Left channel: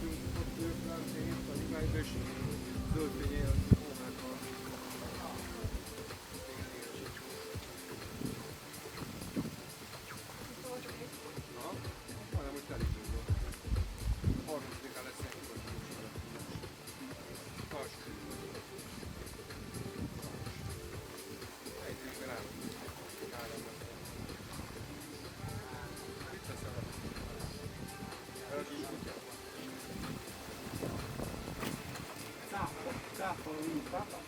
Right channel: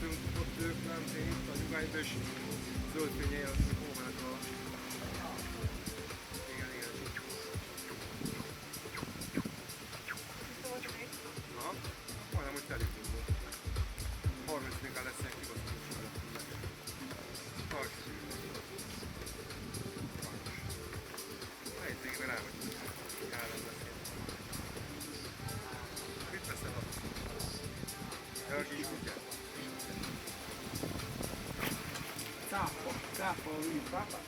mentünk, ott ők lent, én itt a nyugályba, és zöld fénye jön, hogy hónáltal. Igen, igen. Aha, majdnem, hogy telik volt. 30-án lesz ilyen kibaszolós vele. Alsó. Helytégben elmegyünk. Ádám lesz ilyen. Mit veszel a? A kis kutyát? Cápa, cápa, pápa.